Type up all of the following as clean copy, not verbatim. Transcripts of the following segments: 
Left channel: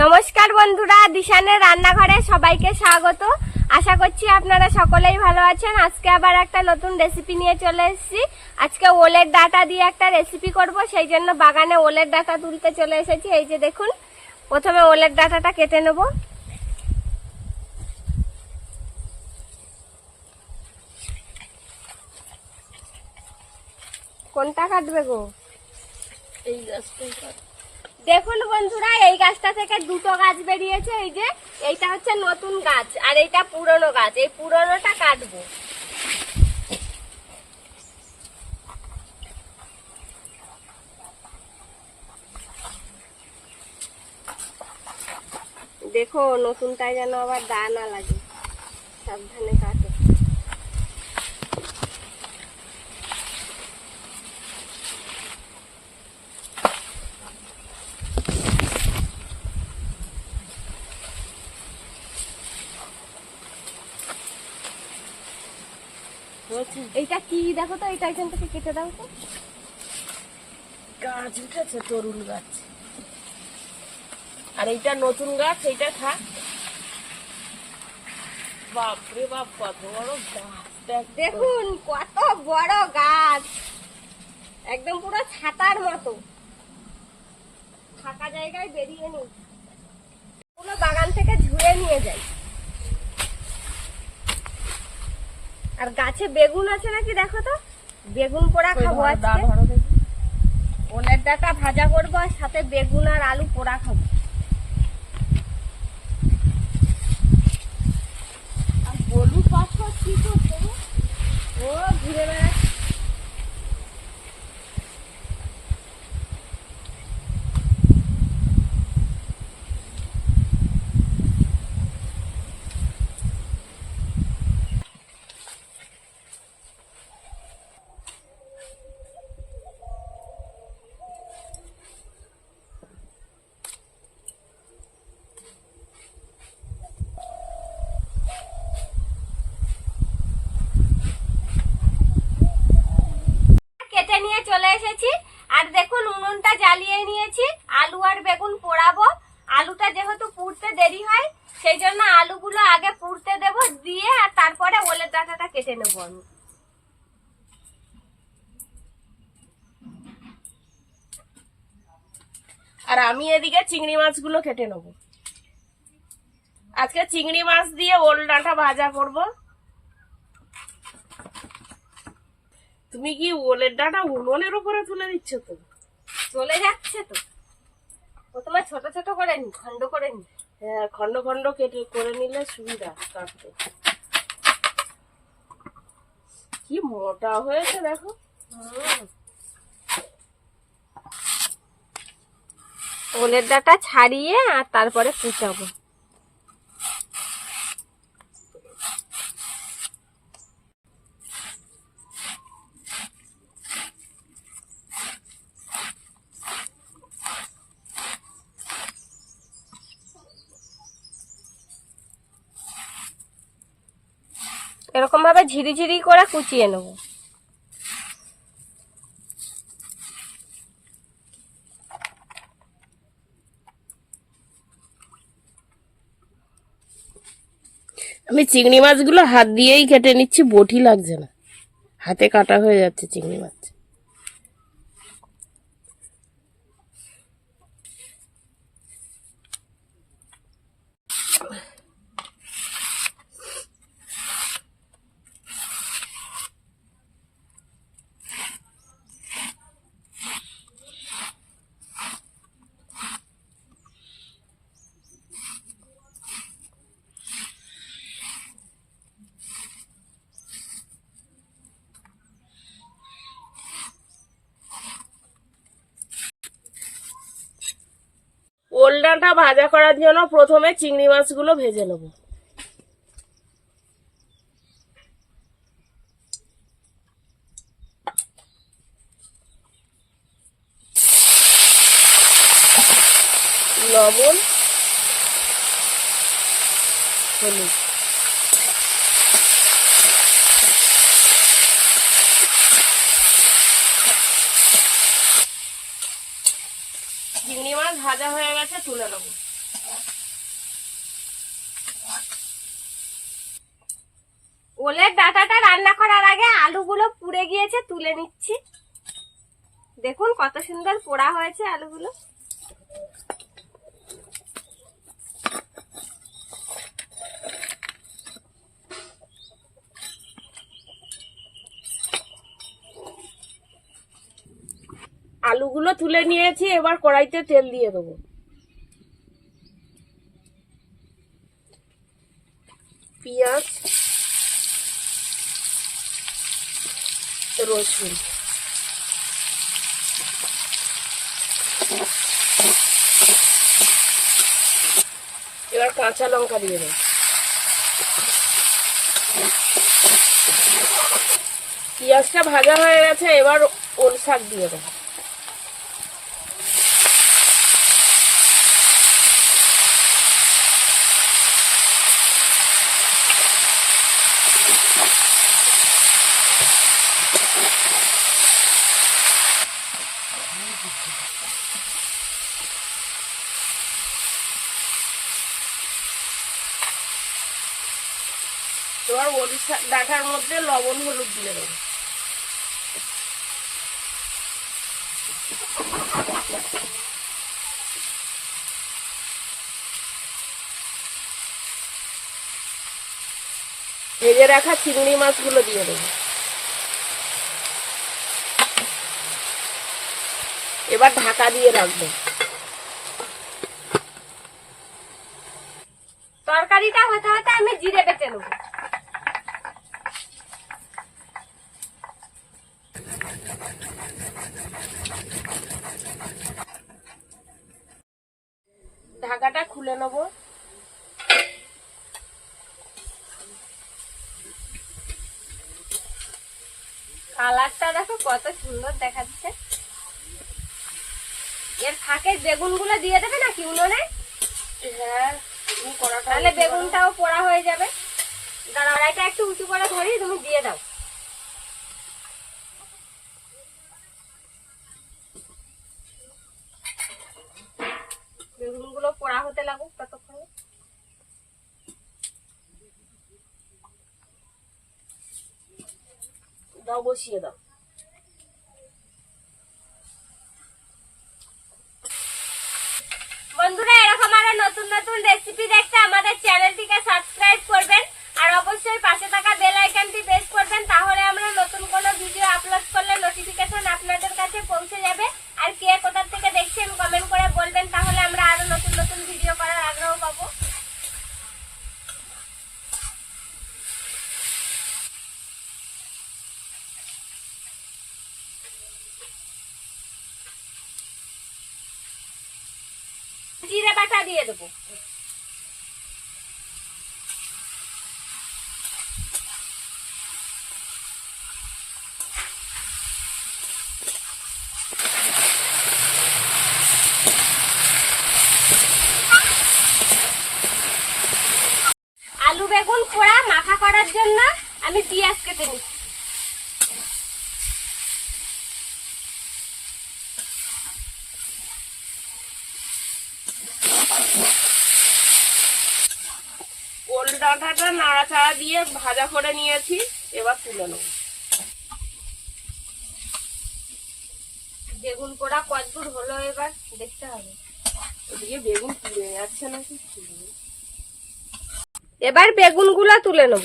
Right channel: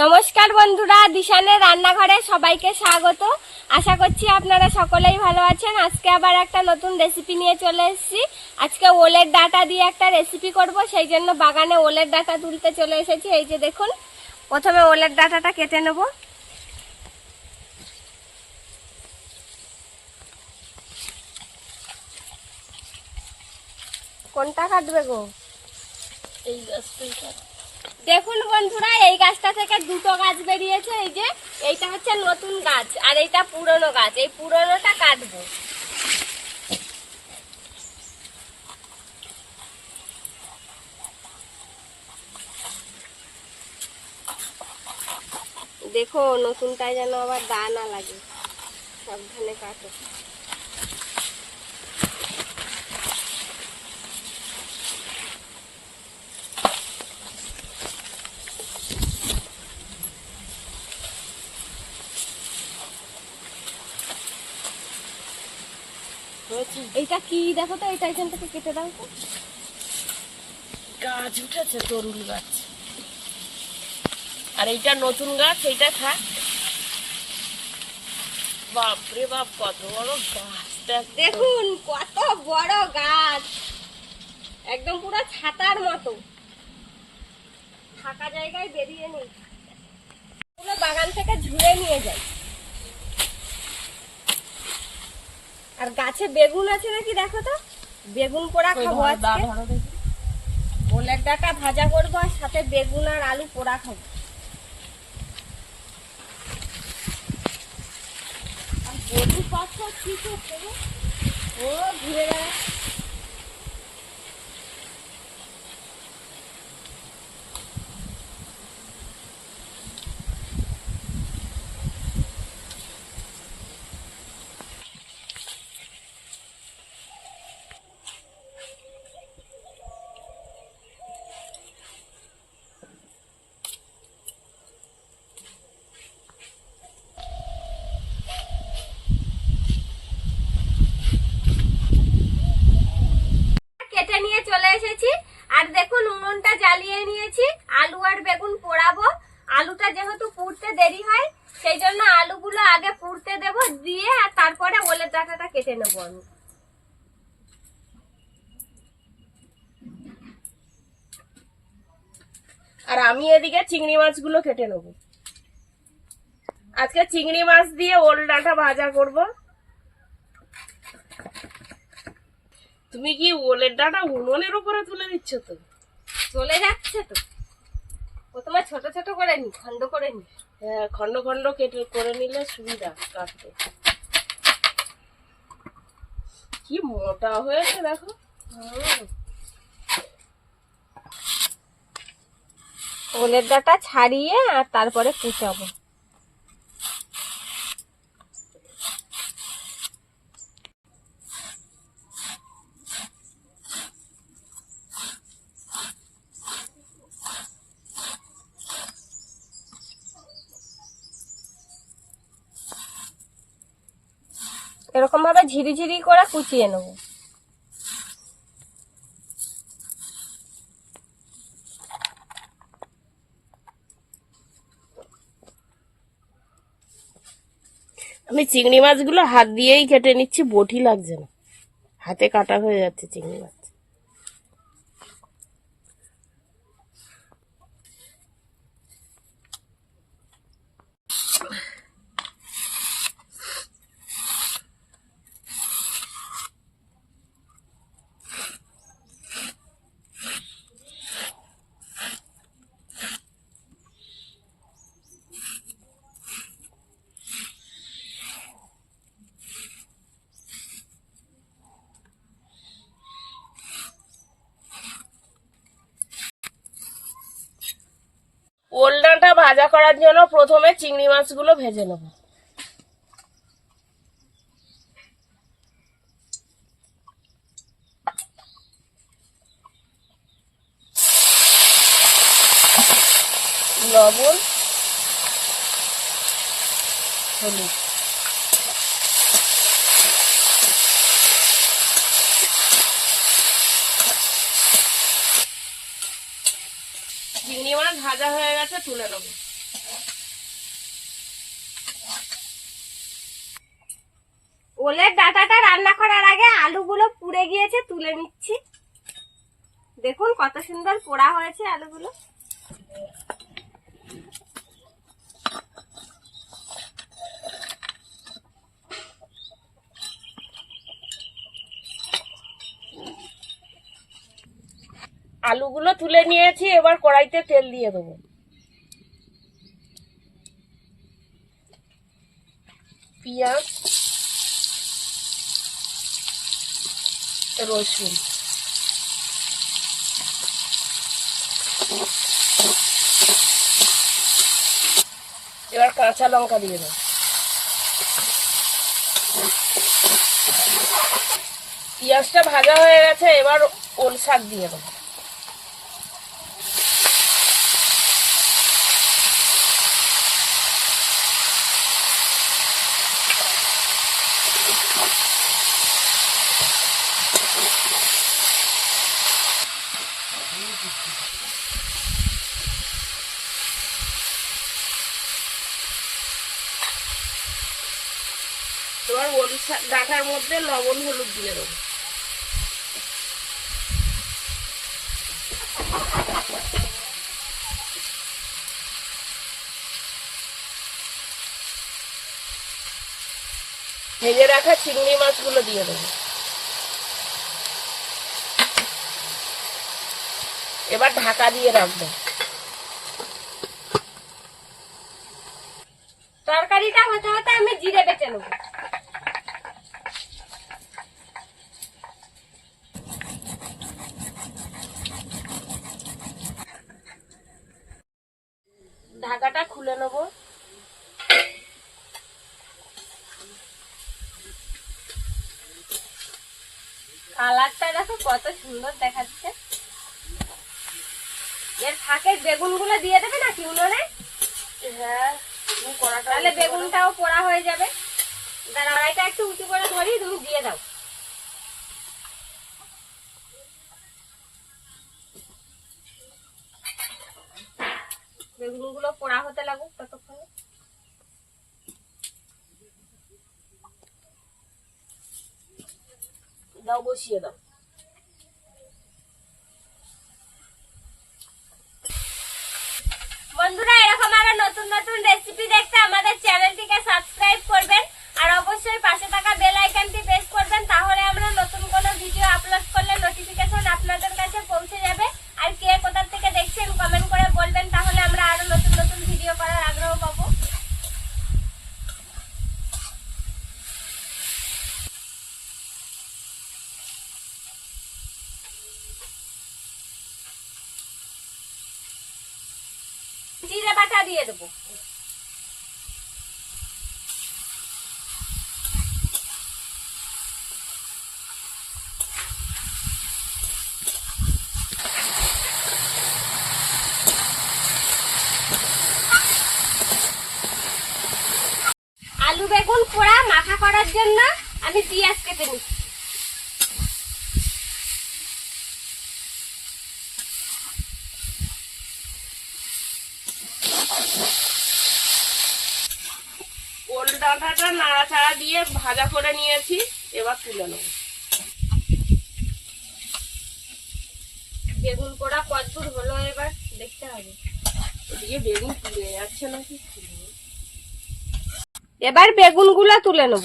নমস্কার বন্ধুরা, দিশানের রান্নাঘরে সবাইকে স্বাগত। আশা করছি আপনারা সকলেই ভালো আছেন। আজকে আবার একটা নতুন রেসিপি নিয়ে চলে এসেছি। আজকে ওলের ডাঁটা দিয়ে একটা রেসিপি করব, সেই জন্য বাগানে ওলের ডাঁটা তুলতে চলে এসেছি। এই যে দেখুন, প্রথমে ওলের ডাঁটাটা কেটে নেব। কোনটা কাটবে গো? এই গাছটাই কাট। দেখুন বন্ধুরা, এই গাছটা থেকে দুটো গাছ বেরিয়েছে। এই যে এইটা হচ্ছে নতুন গাছ আর এইটা পুরনো গাছ। এই পুরনোটা কাটবো। দেখো, নতুনটায় যেন আবার দা না লাগে, সাবধানে কাটো। এইটা কি দেখো তো, এইটা এখান থেকে কেটে দাও তো। গাছ উঠেছে, তরুল গাছ। আর এইটা নতুন গাছ, এইটা থাক। বাপরে বাপ, কত বড় গাছ! দেখুন কত বড় গাছ, একদম পুরো ছাতার মতো। ফাঁকা জায়গায় বেরিয়ে নেই, পুরো বাগান থেকে ঝুড়ে নিয়ে যাই। আর গাছে বেগুন আছে নাকি দেখো তো, বেগুন পোড়া খাবো আজকে। ওলের ডাঁটা ভাজা করবো আর সাথে বেগুন আর আলু পোড়া খাবো। আর বলু পাখা কি করছে গো? ও ঘুরে বেড়াচ্ছে। কেটে নিয়ে চলে এসেছি। আর দেখুন, উনুনটা জ্বালিয়ে নিয়েছি। আলু আর বেগুন পোড়াবো। আলুটা যেহেতু পুড়তে দেরি হয়, সেই জন্য আলুগুলো আগে পুড়তে দেব, দিয়ে আর তারপরে ওলের ডাঁটাটা কেটে নেবো আমি। আর আমি এদিকে চিংড়ি মাছগুলো কেটে নেবো। আজকে চিংড়ি মাছ দিয়ে ওল ডাঁটা ভাজা করব। তুমি কি ওলের ডাঁটা উনুনের উপরে তুলে দিচ্ছ? তো চলে যাচ্ছে তো। প্রথমে ছোট ছোট করে নি, খন্ড করে নি। হ্যাঁ, খন্ড খন্ড কেটে করে নিলে সুবিধা কাটতে। কি মোটা হয়েছে দেখো। ওলের ডাঁটা ছাড়িয়ে আর তারপরে কুচাবো। এরকম ভাবে ঝিরিঝিরি করে কুচিয়ে নেব। আমি চিংড়ি মাছগুলো হাত দিয়েই কেটে নিচ্ছি, বটি লাগছে না, হাতে কাটা হয়ে যাচ্ছে চিংড়ি মাছ। ওল ডাঁটা ভাজা করার জন্য প্রথমে চিংড়ি মাছগুলো ভেজে নেব। লবণ, হলুদ, চিংড়ি মাছ ভাজা হয়ে গেছে, তুলে নেবো। ওলের ডাঁটাটা রান্না করার আগে আলুগুলো পুড়ে গিয়েছে, তুলে নিচ্ছি। দেখুন কত সুন্দর পোড়া হয়েছে আলুগুলো। আলুগুলো তুলে নিয়েছি, এবার কড়াইতে তেল দিয়ে দেবো। পেঁয়াজ, রসুন, এবার কাঁচা লঙ্কা দিয়ে দেবো। পেঁয়াজটা ভাজা হয়ে গেছে, এবার ওল শাক দিয়ে দেবো। এবার ওল ডাঁটার মধ্যে লবণ হলুদ দিয়ে দেবো। ভেজে রাখা চিংড়ি মাছগুলো দিয়ে দেবো। এবার ঢাকা দিয়ে রাখবো। তরকারিটা হতে হতে আমি জিরে বেটে নেবো। ঢাকাটা খুলে নেবো। কালারটা দেখো কত সুন্দর দেখাচ্ছে। এর ফাঁকে বেগুনগুলো দিয়ে দেবে নাকি উনুনে? হ্যাঁ, তাহলে বেগুনটাও পোড়া হয়ে যাবে। দাঁড়া, কড়াইটা একটু উঁচু করে ধরি, তুমি দিয়ে দাও। বেগুনগুলো পোড়া হতে লাগুক ততক্ষণে। দাও, বসিয়ে দাও। বন্ধুরা, এরকম আরো নতুন নতুন রেসিপি দেখতে আমাদের চ্যানেলটিকে সাবস্ক্রাইব করবেন আর অবশ্যই পাশে থাকা বেল আইকনটি প্রেস করবেন, তাহলে আমরা নতুন কোনো ভিডিও আপলোড করলে নোটিফিকেশন আপনাদের কাছে পৌঁছে যাবে। আর কে কোথা থেকে দেখছেন কমেন্ট করে বলবেন, তাহলে আমরা আরো নতুন নতুন ভিডিও করার আগ্রহ পাবো। জিরে বাটা দিয়ে দেবো। আলু বেগুন পোড়া মাখা করার জন্য আমি পেঁয়াজ কেটে নিচ্ছি। ওল ডাঁটাটা নাড়াচাড়া দিয়ে ভাজা করে নিয়েছি, এবার তুলে নেব। বেগুন পোড়া কতদূর হলো এবার দেখতে হবে। ওদিকে বেগুন তুলে যাচ্ছে নাকি। এবার বেগুনগুলো তুলে নেব।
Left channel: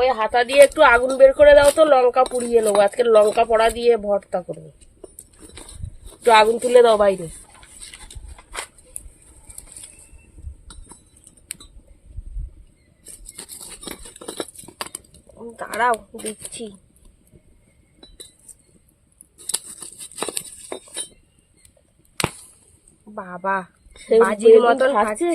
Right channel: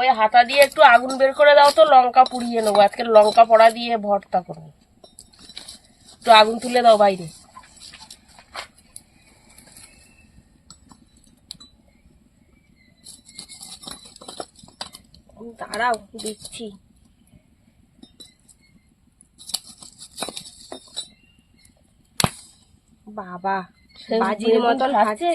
ওই হাতা দিয়ে একটু আগুন বের করে দাও তো, লঙ্কা পুড়িয়ে নেবো। আজকে লঙ্কা পোড়া দিয়ে ভর্তা করবো। একটু আগুন তুলে দাও বাইরে। দাঁড়াও, দিচ্ছি। বাবা, বাজির মতন খাচ্ছে।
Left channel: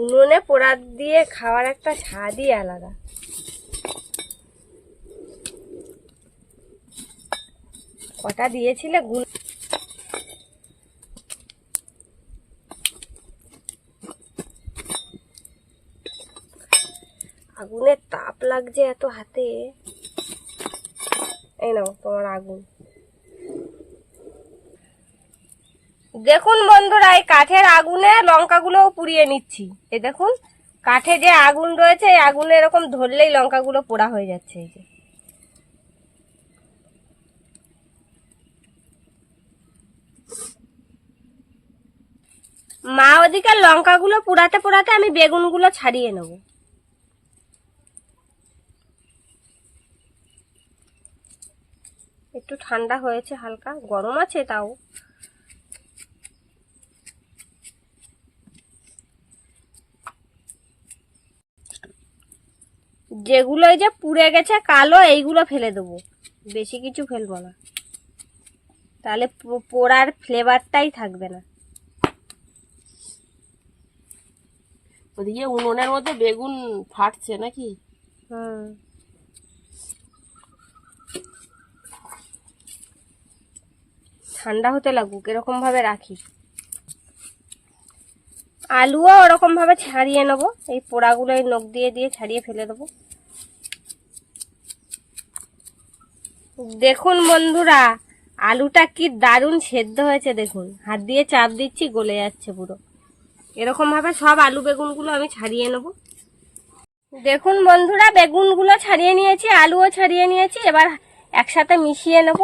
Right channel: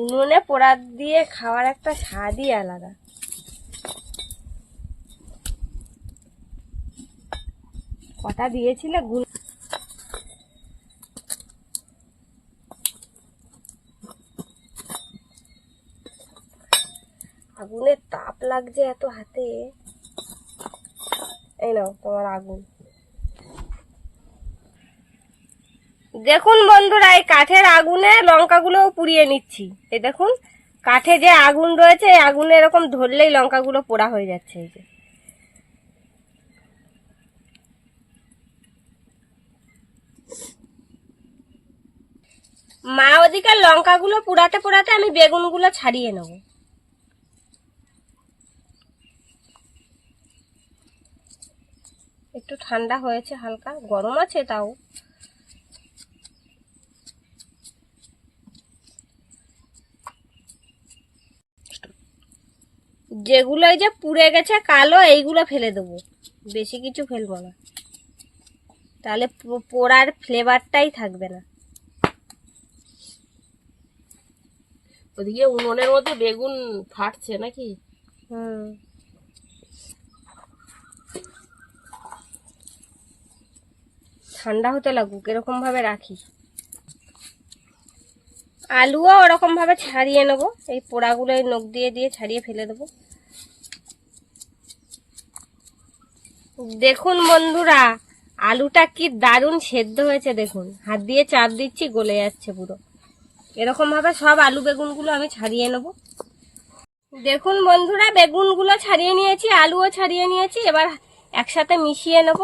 উনুনে পোড়া দিয়ে খাওয়ার একটা স্বাদই আলাদা। কটা দিয়েছিলে? আগুনের তাপ লাগছে এত হাতে। এই নাও তোমার আগুন। দেখুন বন্ধুরা, এই কাঠের আগুনে লঙ্কাগুলো পুড়িয়ে নিচ্ছি। এই দেখুন, কাঠে যে আগুন রয়েছে, এই আগুনে এরকম ধরলেই লঙ্কাগুলো পোড়া হয়ে যাচ্ছে। এই যে মা ওদিকে লঙ্কাগুলো পোড়াতে পোড়াতে আমি বেগুনগুলো ছাড়িয়ে নেব। একটু ঠান্ডা হয়েছে, হালকা গরম আছে তাও। যেগুলো এই যে পুড়ে গেছে কালো, এইগুলো ফেলে দেবো, বেশি কিছু ফেলবো না, তাহলে পোড়ার ফ্লেভারটাই থাকবে না। ওদিকে উনুনের মধ্যে বেগুন ফাটছে নাকি? হুম, ঠান্ডা হতে লাগুক, এরকম ভাবে রাখি। আলুও ওরকম ভাবে ছাড়িয়ে নেবো, এই পোড়াগুলো এই নখ দিয়ে দিয়ে ছাড়িয়ে ফেলে দেবো। দেখুন বন্ধুরা, আলুটা কি দারুণ সেদ্ধ হয়েছে। দেখুন, হাত দিয়ে চাপ দিচ্ছি, গলে যাচ্ছে পুরো। এরকম ভাবে সব আলু বেগুনগুলো আমি ছাড়িয়ে নেব। দেখুন বন্ধুরা, বেগুনগুলো ছাড়িয়ে নিয়েছি, আলুও ছাড়িয়ে নিয়েছি। এবার একসাথে মিশিয়ে নেব।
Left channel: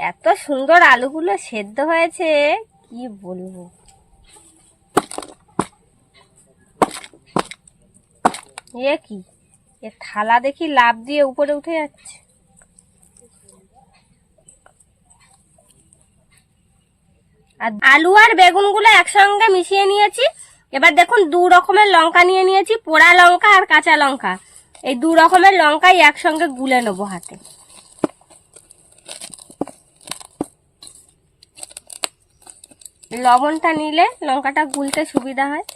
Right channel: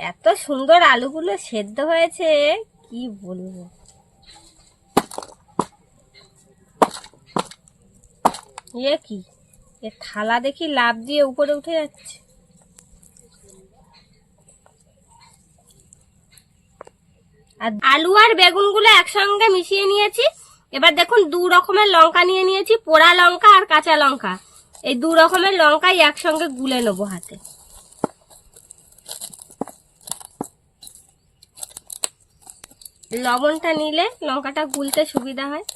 এত সুন্দর আলুগুলো সেদ্ধ হয়েছে, কি বলবো। এ কি, এ থালা দেখি লাফ দিয়ে উপরে উঠে যাচ্ছে। আর আলু আর বেগুনগুলো একসঙ্গে মিশিয়ে নিয়েছি। এবার দেখুন, দু রকমের লঙ্কা নিয়ে নিয়েছি, পোড়া লঙ্কা আর কাঁচা লঙ্কা। এই দু রকমের লঙ্কাই একসঙ্গে গুলে নেবো হাতে। লবণটা নিলে লঙ্কাটা গুলতে সুবিধা হয়।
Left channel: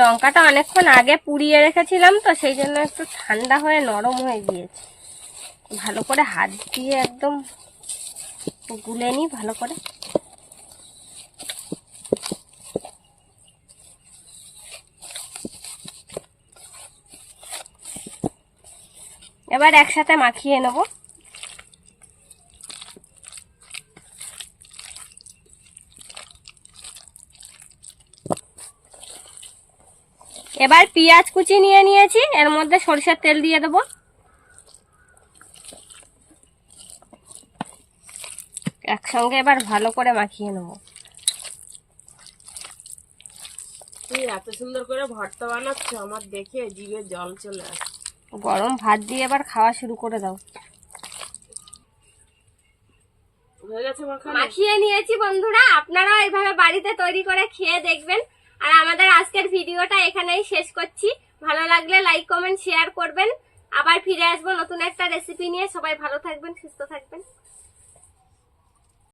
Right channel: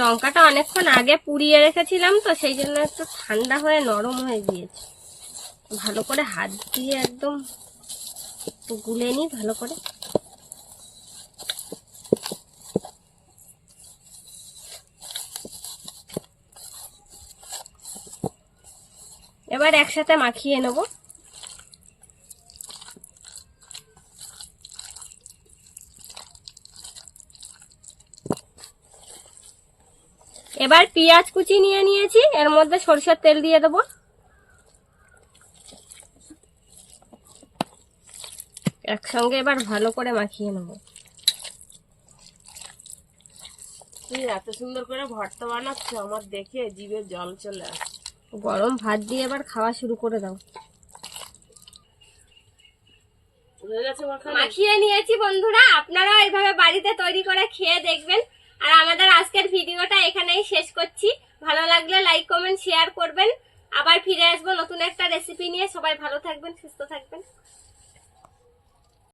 লঙ্কাটা অনেকক্ষণ আগে পুড়িয়ে রেখেছিলাম তো, সেই জন্য একটু ঠান্ডা হয়ে নরম হয়ে গিয়েছে। ভালো করে হাত দিয়ে একদম গুলে নিই ভালো করে। এবার একসাথে মাখিয়ে নেব। এবার পেঁয়াজ কুচি নিয়ে নিয়েছি, এর মধ্যে সরিষার তেল দিয়ে দেবো। একসঙ্গে এবার ভালো করে মাখিয়ে নেব। তুই এত সুন্দর করে ভর্তা বানাচ্ছ, আমার দেখে জিভে জল চলে আসে। গরম ভাত দিয়ে এবার খাওয়া শুরু করে দাও। হয়ে গেছে মাখানো? মাখিয়ে নিয়েছি বন্ধুরা, আপনারাও এইভাবে বাড়িতে তৈরি করে খেয়ে দেখবেন। আর আমাদের আজকের ভিডিওটা এখানেই শেষ করছি। ভালো লাগলে লাইক কমেন্ট শেয়ার করবেন। আবার ফিরে আসবো নতুন একটা রেসিপি নিয়ে। সবাই ভালো থাকবেন, সুস্থ থাকবেন।